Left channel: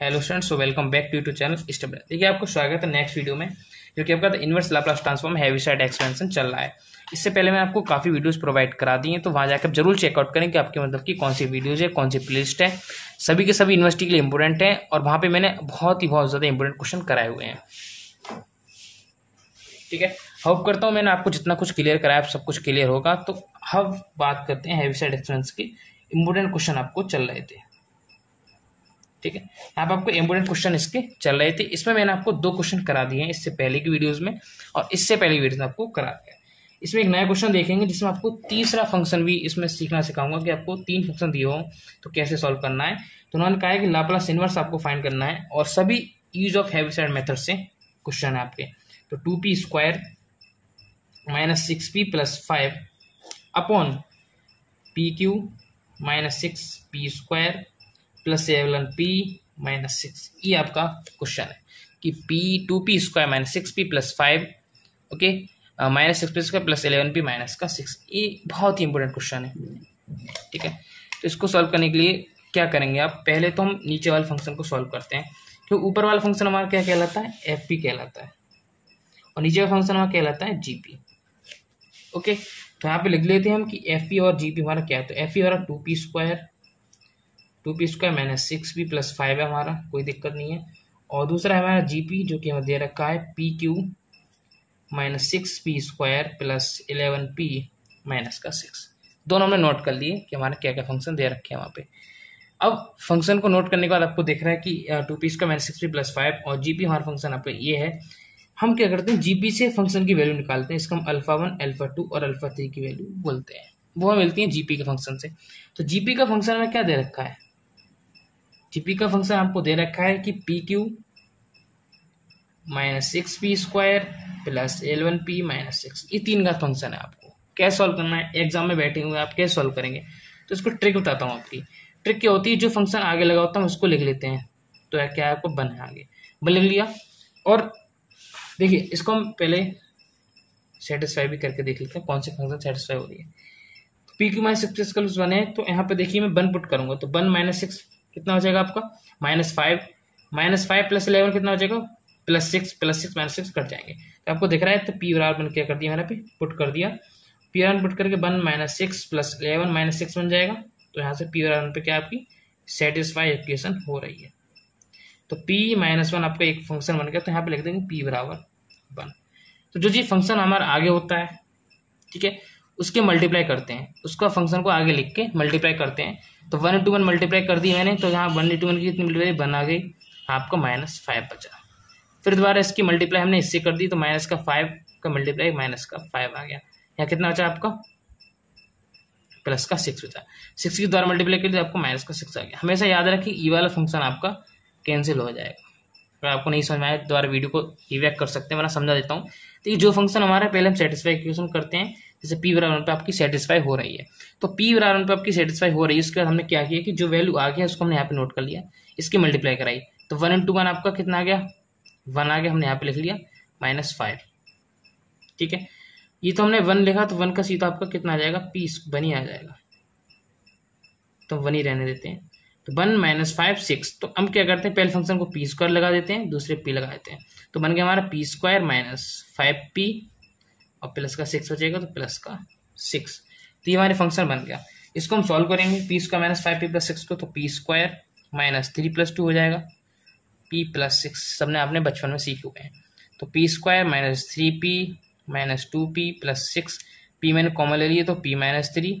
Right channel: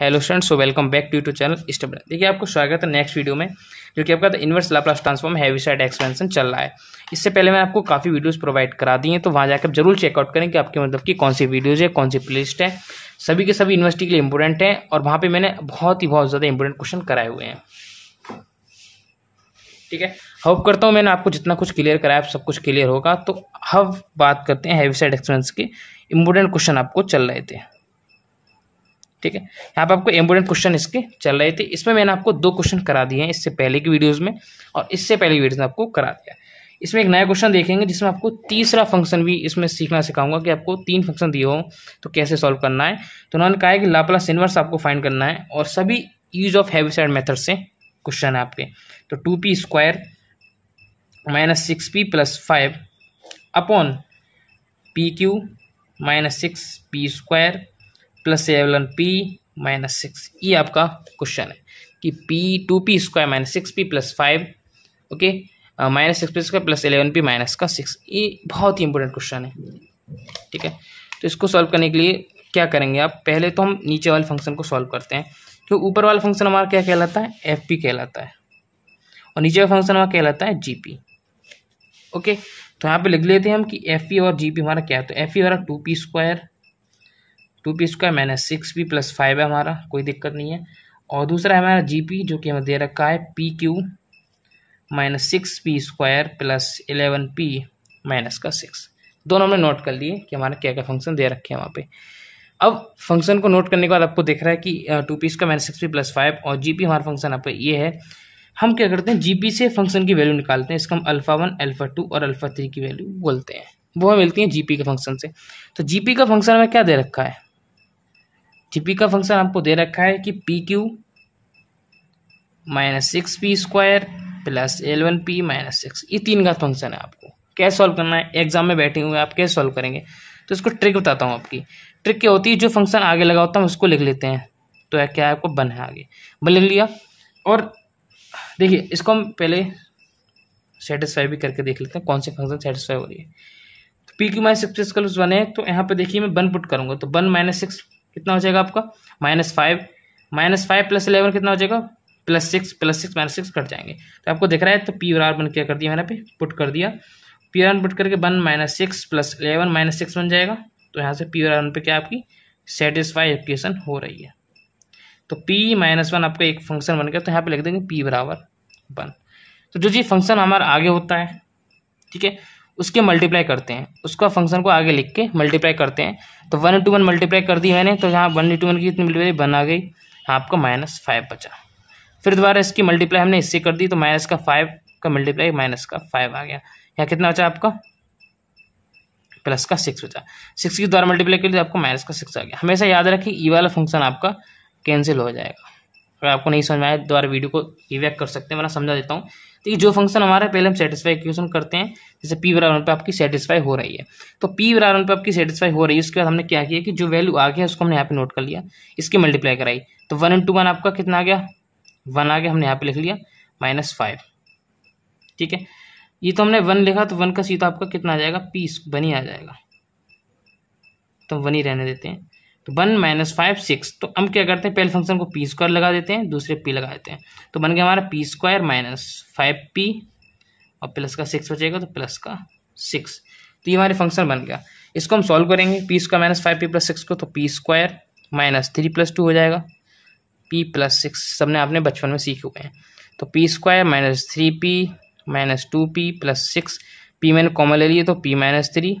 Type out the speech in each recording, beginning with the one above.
Hello students, so welcome back to YouTube channel step. देखिए, आपको स्वागत है नेक्स्ट वीडियो में, जो कि आपका inverse Laplace transform Heaviside expansion चल रहा है। इससे पहले मैं आपको काफ़ी वीडियोस प्रोवाइड करा दी हैं, तो वहाँ जाकर जरूर चेकआउट करें कि आपके मतलब कि कौन सी वीडियोज़ है, कौन सी प्लेलिस्ट है। सभी के सभी यूनिवर्सिटी के लिए इंपॉर्टेंट है और वहाँ पर मैंने बहुत ज़्यादा इंपॉर्टेंट क्वेश्चन कराए हुए हैं। ठीक है, होप करता हूँ मैंने आपको जितना कुछ क्लियर कराया सब कुछ क्लियर होगा। तो अब बात करते हैं हेविसाइड एक्सपेंशन के इंपॉर्टेंट क्वेश्चन आपको चल रहे थे। ठीक है, यहाँ पे आपको इंपॉर्टेंट क्वेश्चन इसके चल रहे थे। इसमें मैंने आपको 2 क्वेश्चन करा दिए हैं इससे पहले की वीडियोस में, और इससे पहले वीडियोस में आपको करा दिया। इसमें एक नया क्वेश्चन देखेंगे जिसमें आपको तीसरा फंक्शन भी इसमें सीखना सिखाऊंगा कि आपको 3 फंक्शन दिए हो तो कैसे सॉल्व करना है। तो उन्होंने कहा है कि लाप्लास इनवर्स आपको फाइंड करना है और सभी यूज ऑफ हेविसाइड मेथड से क्वेश्चन है आपके। तो 2p² - 6p + 5 upon pq - 6p² + 7p - 6, ये आपका क्वेश्चन है कि 2p² - 6p + 5 okay -6p² + 11p - 6। ये बहुत ही इंपॉर्टेंट क्वेश्चन है। ठीक है, तो इसको सॉल्व करने के लिए क्या करेंगे आप, पहले तो हम नीचे वाले फंक्शन को सॉल्व करते हैं। तो ऊपर वाला फंक्शन हमारा क्या कहलाता है, fp कहलाता है, और नीचे वाला फंक्शन हमारा कहलाता है gp। ओके, तो यहाँ पे लिख लेते हैं हम कि fp और gp हमारा क्या है। तो fp हमारा 2p² - 6p + 5 है हमारा, कोई दिक्कत नहीं है। और दूसरा है हमारा gp जो कि हमें दे रखा है pq - 6p² + 11p - 6। दोनों हमने नोट कर लिए कि हमारे क्या क्या फंक्शन दे रखे हैं वहाँ पे। अब फंक्शन को नोट करने के बाद आपको दिख रहा है कि 2p² - 6p + 5 और gp हमारा फंक्शन यहाँ पे ये है। हम क्या करते हैं, gp से फंक्शन की वैल्यू निकालते हैं। इसका हम α1, α2 और α3 की वैल्यू बोलते हैं, वो मिलती है gp के फंक्शन से। तो gp का फंक्शन हमें क्या दे रखा है, gp का फंक्शन आपको दे रखा है कि pq - 6p² + 11p - 6। ये 3 का फंक्शन है। आपको कैसे सॉल्व करना है, एग्जाम में बैठे हुए आप कैसे सॉल्व करेंगे, तो इसको ट्रिक बताता हूँ आपकी। ट्रिक क्या होती है, जो फंक्शन आगे लगा होता है उसको लिख लेते हैं। तो क्या है, आपको बन है आगे, बन लिख लिया। और देखिए, इसको हम पहले सेटिस्फाई भी करके देख लेते हैं कौन से फंक्शन सेटिस्फाई हो रही है। तो pq - 6p + 1 है, तो यहाँ पे देखिए मैं 1 पुट करूंगा। तो 1 - 6 कितना हो जाएगा आपका, -5 -5 + 11 कितना हो जाएगा, +6 +6 -6 कट जाएंगे। तो आपको दिख रहा है, तो p और r क्या कर दिया मैंने पे पुट कर दिया। p और r पुट करके 1 - 6 + 11 - 6 बन जाएगा। तो यहाँ से p और r पे क्या आपकी सेटिस्फाई इक्वेशन हो रही है। तो p - 1 आपका एक फंक्शन बन गया। तो यहाँ पे लिख देंगे p = 1। तो जो फंक्शन हमारा आगे होता है, ठीक है, उसके मल्टीप्लाई करते हैं, उसका फंक्शन को आगे लिख के मल्टीप्लाई करते हैं। तो 1 × 1 मल्टीप्लाई कर दी मैंने, तो यहाँ 1 × 1 की कितनी मल्टीप्लाई 1 आ गई, आपका -5 बचा। फिर दोबारा इसकी मल्टीप्लाई हमने इससे कर दी, तो -5 का मल्टीप्लाई -5 आ गया। यहाँ कितना बचा आपका, +6 बचा। 6 की द्वारा मल्टीप्लाई कर दी, आपको -6 आ गया। हमेशा याद रखिए ये वाला फंक्शन आपका कैंसिल हो जाएगा। अगर आपको नहीं समझ में आए दोबारा वीडियो को रिवैक कर सकते हैं, वरना समझा देता हूँ। तो ये जो फंक्शन हमारा पहले हम सेटिस्फाई इक्वेशन करते हैं, जैसे p = 1 पे आपकी सेटिस्फाई हो रही है। तो p = 1 पे आपकी सेटिस्फाई हो रही है, उसके बाद हमने क्या किया कि जो वैल्यू आ गया उसको हमने यहाँ पे नोट कर लिया, इसकी मल्टीप्लाई कराई। तो 1 × 1 आपका कितना आ गया, 1 आ गया, हमने यहाँ पे लिख लिया -5। ठीक है, ये तो हमने 1 लिखा, तो 1 का सीधा आपका कितना आ जाएगा, p 1 ही आ जाएगा। तो 1 ही रहने देते हैं। तो 1 - 5 6। तो हम क्या करते हैं, पहले फंक्शन को p² लगा देते हैं, दूसरे p लगा देते हैं। तो बन गया हमारा p² - 5p और प्लस का 6 बचेगा, तो +6। तो ये हमारे फंक्शन बन गया। इसको हम सॉल्व करेंगे, p² - 5p + 6 को, तो p² - 3 + 2 हो जाएगा, p + 6 सबने आपने बचपन में सीखे हुए हैं। तो p² - 3p - 2p + 6, p मैंने कॉमन ले लिए तो p - 3,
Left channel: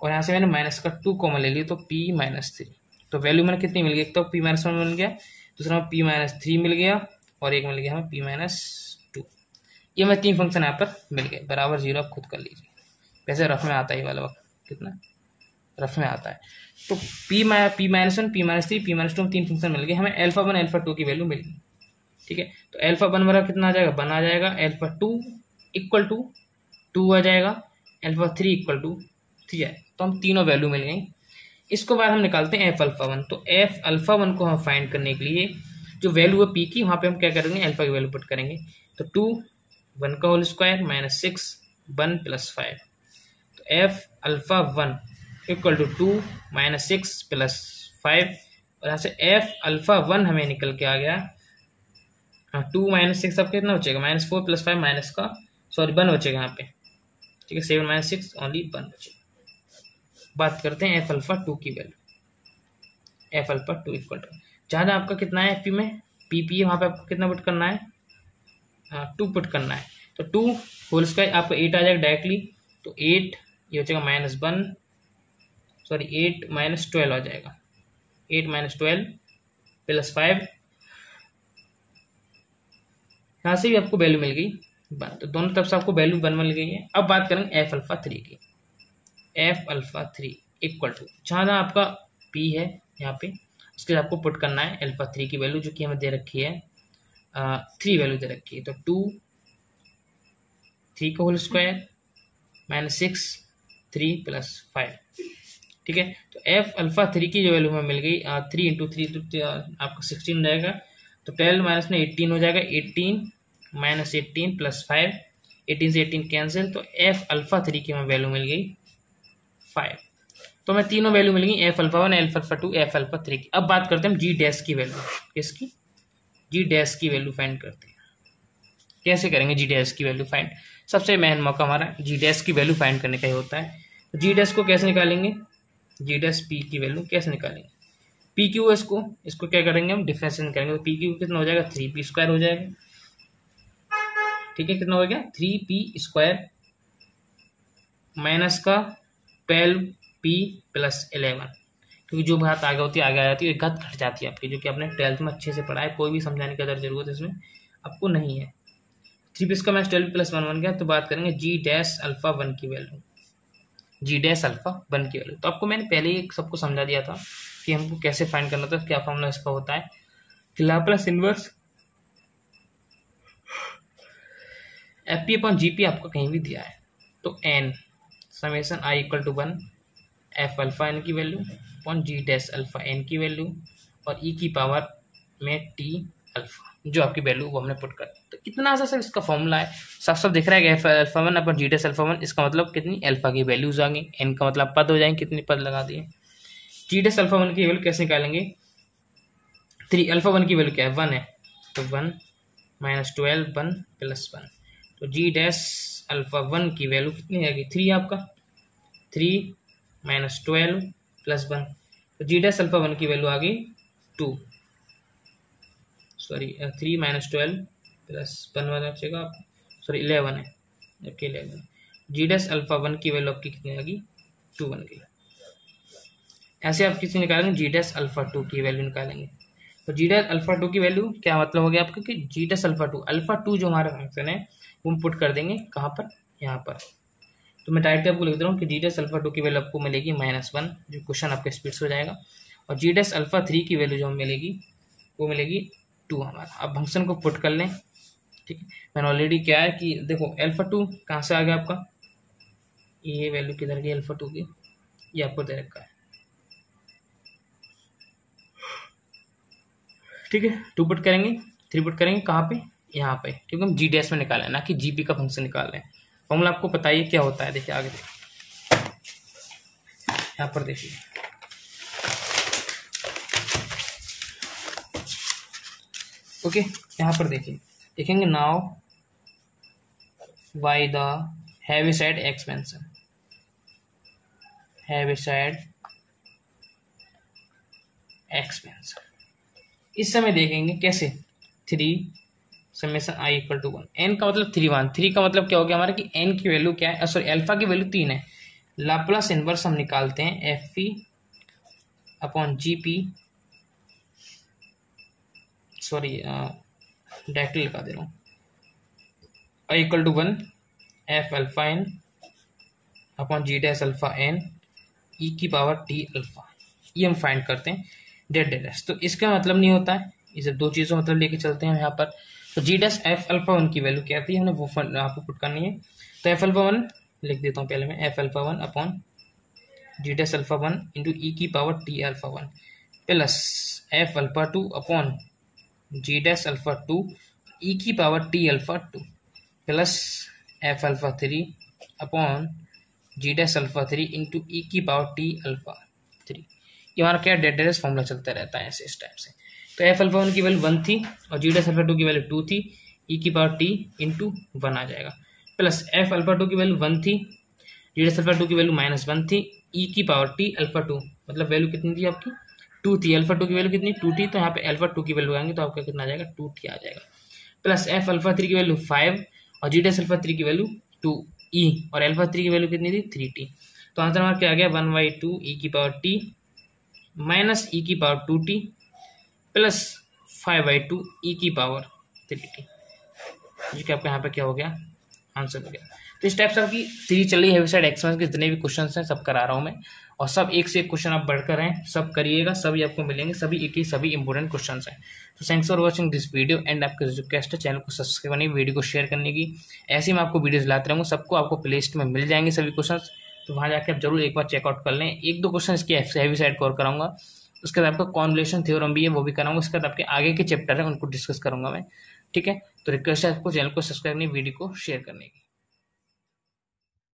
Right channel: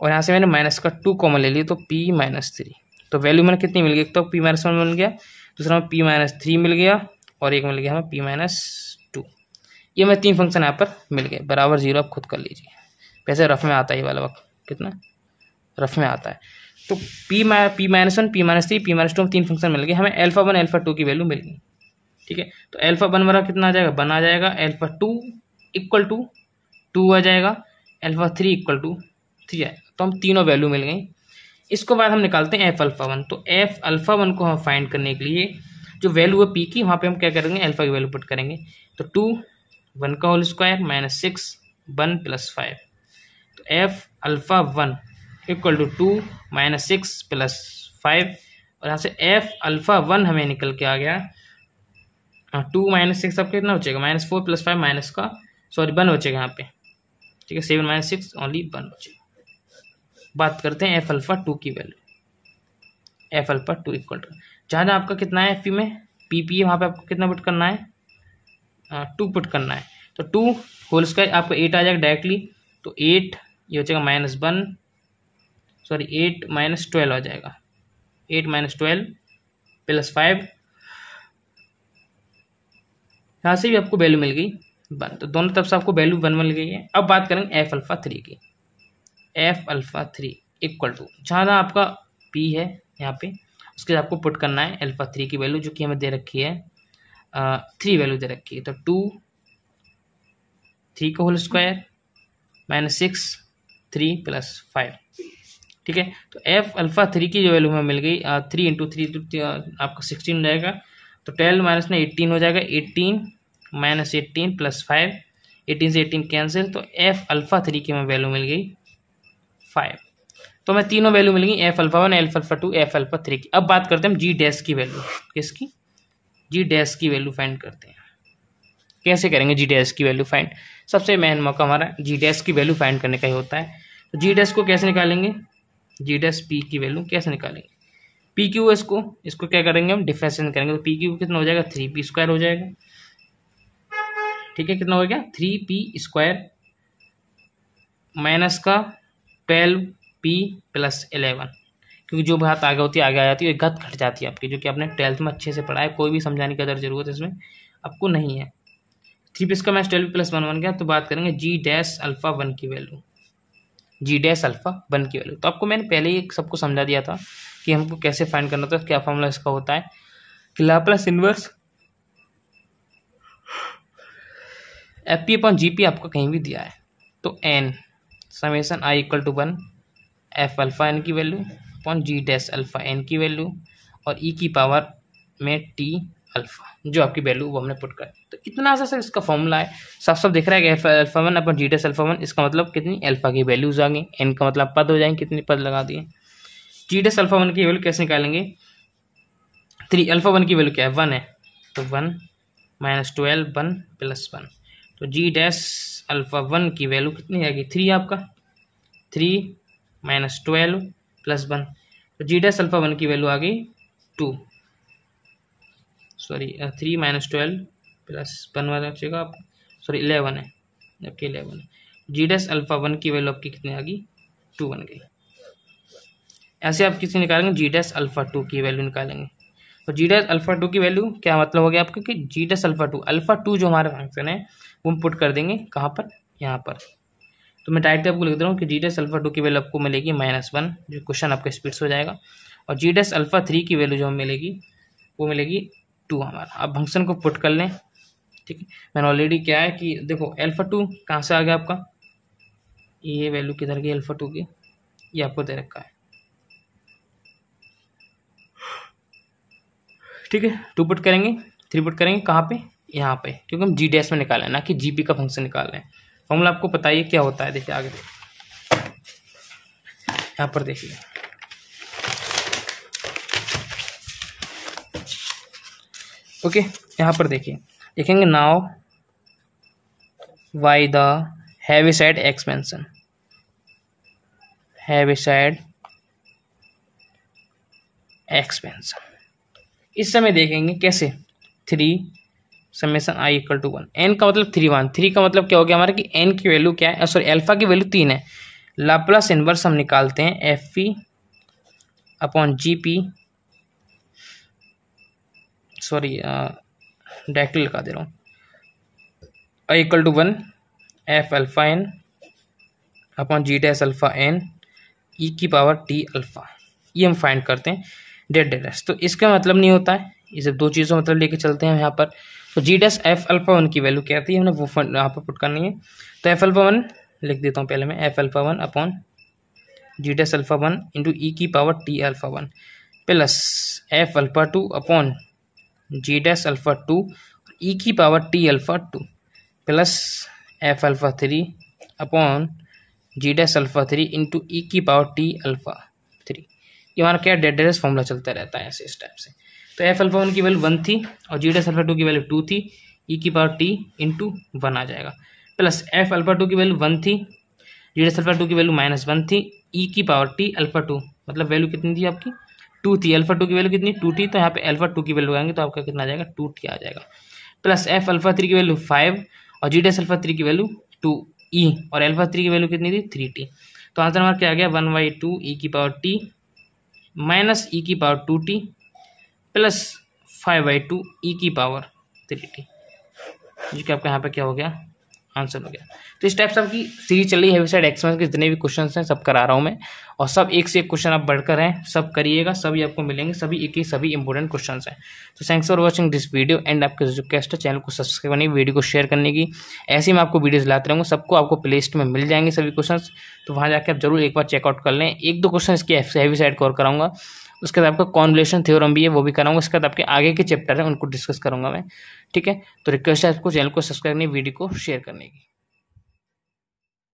और यहाँ से मैंने -2 कॉमन ले लिए तो p - 3। तो वैल्यू मैंने कितनी मिल गई, एक तो p - 1 मिल गया, दूसरा में p - 3 मिल गया, और एक मिल गया हमें p - 2। ये मैं 3 फंक्शन यहाँ पर मिल गए, बराबर 0 आप खुद कर लीजिए। वैसे रफ में आता है ये वाला वक्त, कितना रफ में आता है। तो p - 1 p - 3 p - 2 3 फंक्शन मिल गए, हमें α1 α2 की वैल्यू मिल गई। ठीक है, तो α1 वाला कितना आ जाएगा, 1 आ जाएगा, α2 = 2 आ जाएगा, α3 = 3 है। तो हम तीनों वैल्यू मिल गई। इसके बाद हम निकालते हैं f∝1। तो f∝1 को हम फाइंड करने के लिए जो वैल्यू है p की, वहाँ पे हम क्या करेंगे, अल्फा की वैल्यू पुट करेंगे। तो 2 1 का होल स्क्वायर -6 1 + 5। तो f∝1 = 2 - 6 + 5 और यहाँ से एफ अल्फा 1 हमें निकल के आ गया 2 माइनस 6 आपका कितना बचेगा -4 + 5 माइनस का सॉरी 1 बचेगा यहाँ पे, ठीक है। 7 - 6 ओनली 1 बचेगा। बात करते हैं एफ अल्फा 2 की value. F alpha 2 equal to जहाँ आपका कितना है पी में पी वहाँ पे आपको कितना पुट करना है 2 पुट करना है। तो 2 होल स्क्वायर आपको 8 आ जाएगा डायरेक्टली, तो 8 ये हो जाएगा -1 सॉरी 8 - 12 आ जाएगा। 8 - 12 + 5 यहाँ से भी आपको वैल्यू मिल गई 1, तो दोनों तरफ से आपको वैल्यू 1 मिल गई है। अब बात करेंगे एफ अल्फा 3 की। एफ अल्फा 3 इक्वल टू जहाँ आपका पी है यहाँ पे उसके आपको पुट करना है अल्फा 3 की वैल्यू जो कि हमें दे रखी है 3 वैल्यू दे रखी है। तो 2 3 का होल स्क्वायर -6 3 + 5, ठीक है। तो एफ अल्फा 3 की जो वैल्यू हमें मिल गई 3 × 3 तो आपका 16 रहेगा, तो 12 माइनस में 18 हो जाएगा। 18 - 18 + 5 18 से 18 कैंसिल, तो एफ अल्फा 3 की हमें वैल्यू मिल गई 5। तो हमें तीनों वैल्यू मिल गई F alpha 1 F alpha 2 F alpha 3 की। अब बात करते हैं हम जी डैश की वैल्यू। किसकी? जी डैश की वैल्यू फाइंड करते हैं। कैसे करेंगे जी डैश की वैल्यू फाइंड? सबसे मेन मौका हमारा जी डैश की वैल्यू फाइंड करने का ही होता है। तो जी डैश को कैसे निकालेंगे? जी डैश पी की वैल्यू कैसे निकालेंगे? पी क्यू इसको क्या करेंगे हम डिफरेंशिएशन करेंगे। तो पी क्यू कितना हो जाएगा 3p² हो जाएगा, ठीक है। कितना हो गया 3p² माइनस का 12p + 11, क्योंकि जो बात आगे होती है आगे आ जाती है, एक घट घट जाती है आपकी, जो कि आपने 12th में अच्छे से पढ़ा है। कोई भी समझाने की अदर जरूरत इसमें आपको नहीं है। 3p² - 12p + 1 बन गया। तो बात करेंगे जी डैश अल्फा 1 की वैल्यू। जी डैश अल्फा 1 की वैल्यू तो आपको मैंने पहले ही सबको समझा दिया था कि हमको कैसे फाइंड करना था। क्या फॉर्मूला इसका होता है कि लाप्लास इनवर्स FP/GP आपको कहीं भी दिया है तो n summation i = 1 F alpha n की value upon G dash alpha n की वैल्यू और e की पावर में t अल्फा जो आपकी वैल्यू वो हमने पुट कर। तो इतना सा सर इसका फॉर्मूला है। साफ साफ दिख रहा है कि F alpha 1 upon G dash alpha 1, इसका मतलब कितनी अल्फा की वैल्यूज आ गई, n का मतलब पद हो जाएंगे, कितने पद लगा दिए। जी डैश अल्फा 1 की वैल्यू कैसे निकालेंगे? 3 अल्फा 1 की वैल्यू क्या है 1 है, तो 1 - 12 1 + 1, तो जी डैश अल्फा 1 की वैल्यू कितनी आएगी 3 आपका 3 - 12 + 1, तो जी डैश अल्फा 1 की वैल्यू आ गई 2 सॉरी 3 - 12 + 1 वाला बचेगा आपको सॉरी 11 है, जबकि 11 है। जी डैश अल्फा 1 की वैल्यू आपकी कितनी आ गई 2 बन गई। ऐसे आप किसी निकालेंगे जी डैश अल्फा 2 की वैल्यू निकालेंगे। तो जी डैश अल्फा 2 की वैल्यू क्या मतलब हो गया आपका कि जी डैश अल्फा 2 जो हमारा फंक्शन है वो हम पुट कर देंगे कहाँ पर, यहाँ पर। तो मैं डायरेक्ट आपको लिख दे रहा हूँ कि जी डैश अल्फा 2 की वैल्यू आपको मिलेगी -1, जो क्वेश्चन आपका स्पीड से हो जाएगा, और जी डैश अल्फा 3 की वैल्यू जो हमें मिलेगी वो मिलेगी 2 हमारा। अब फंक्शन को पुट कर लें, ठीक है। मैंने ऑलरेडी क्या है कि देखो अल्फा 2 कहाँ से आ गया आपका, ये वैल्यू किधर गई अल्फा 2 की, ये आपको दे रखा है, ठीक है। 2 पुट करेंगे 3 पुट करेंगे कहाँ पे, यहाँ पे, क्योंकि हम जी डैश में निकाल रहे हैं ना कि जीपी का फंक्शन निकाल रहे हैं। फॉर्मूला आपको पता ही क्या होता है, देखिए आगे यहाँ पर देखिए ओके, यहाँ पर देखिए देखेंगे now why the Heaviside expansion, Heaviside expansion इस समय देखेंगे कैसे 3 समेशन i = 1, n का मतलब 3 का मतलब क्या हो गया हमारा कि n की वैल्यू क्या है, सॉरी अल्फा की वैल्यू 3 है। लाप्लास इनवर्स हम निकालते हैं FP/GP सॉरी डायरेक्टली लिखा दे रहा हूँ i = 1 F alpha n upon G dash alpha n e की पावर t अल्फा, ये हम फाइंड करते हैं डेट डैश। तो इसका मतलब नहीं होता है, ये सब दो चीज़ों मतलब लेके चलते हैं यहाँ पर। तो जी डैश एफ अल्फा 1 की वैल्यू क्या आती है हमने वो यहाँ पर पुट करनी है। तो एफ अल्फा 1 लिख देता हूँ पहले मैं, F alpha 1 upon G dash alpha 1 into E की power T alpha 1 plus F alpha 2 upon G dash alpha 2 E की power T alpha 2 plus F alpha 3 upon G dash alpha 3 into E की power T alpha 3। ये हमारा क्या डेडेस formula चलता रहता है ऐसे इस टाइप से। तो एफ अल्फा 1 की वैल्यू 1 थी और जी डैश अल्फा 2 की वैल्यू 2 थी, ई की पावर टी इंटू 1 आ जाएगा, प्लस एफ अल्फा 2 की वैल्यू 1 थी, जी डैश अल्फा 2 की वैल्यू -1 थी, ई की पावर टी अल्फा 2 मतलब वैल्यू कितनी थी आपकी 2 थी, अल्फा 2 की वैल्यू कितनी 2 थी, तो यहाँ पे अल्फा 2 की वैल्यू आएंगे तो आपका कितना आ जाएगा 2t आ जाएगा, प्लस एफ अल्फा 3 की वैल्यू 5 और जी डैश अल्फा 3 की वैल्यू 2e और अल्फा 3 की वैल्यू कितनी थी 3t। तो आंसर हमारा क्या आ गया 1/2 ई की पावर टी माइनस ई की पावर 2t प्लस 5/2 ई की पावर 3t, जो कि आपका यहाँ पे क्या हो गया आंसर हो गया। तो इस टाइप से आपकी सीरीज चल रही है हेविसाइड एक्सपेंस के जितने भी क्वेश्चन हैं सब करा रहा हूँ मैं, और सब एक से एक क्वेश्चन आप बढ़कर हैं, सब करिएगा, सभी आपको मिलेंगे, सभी एक ही सभी इंपॉर्टेंट क्वेश्चन हैं। तो thanks for watching this video and आपके जो रिक्वेस्ट है चैनल को सब्सक्राइब करने की, वीडियो को शेयर करने की, ऐसे ही मैं आपको वीडियोज लाते रहूँगा, सबको आपको प्ले लिस्ट में मिल जाएंगे सभी क्वेश्चन, तो वहाँ जाकर आप जरूर एक बार चेकआउट कर लें। 1-2 क्वेश्चन इसकी हेविसाइड कवर कराऊंगा, उसके बाद आपका कॉन्वोल्यूशन थ्योरम भी है वो भी कराऊंगा, उसके बाद आपके आगे के चैप्टर है उनको डिस्कस करूंगा मैं, ठीक है। तो रिक्वेस्ट है आपको चैनल को सब्सक्राइब करने, वीडियो को शेयर करने की।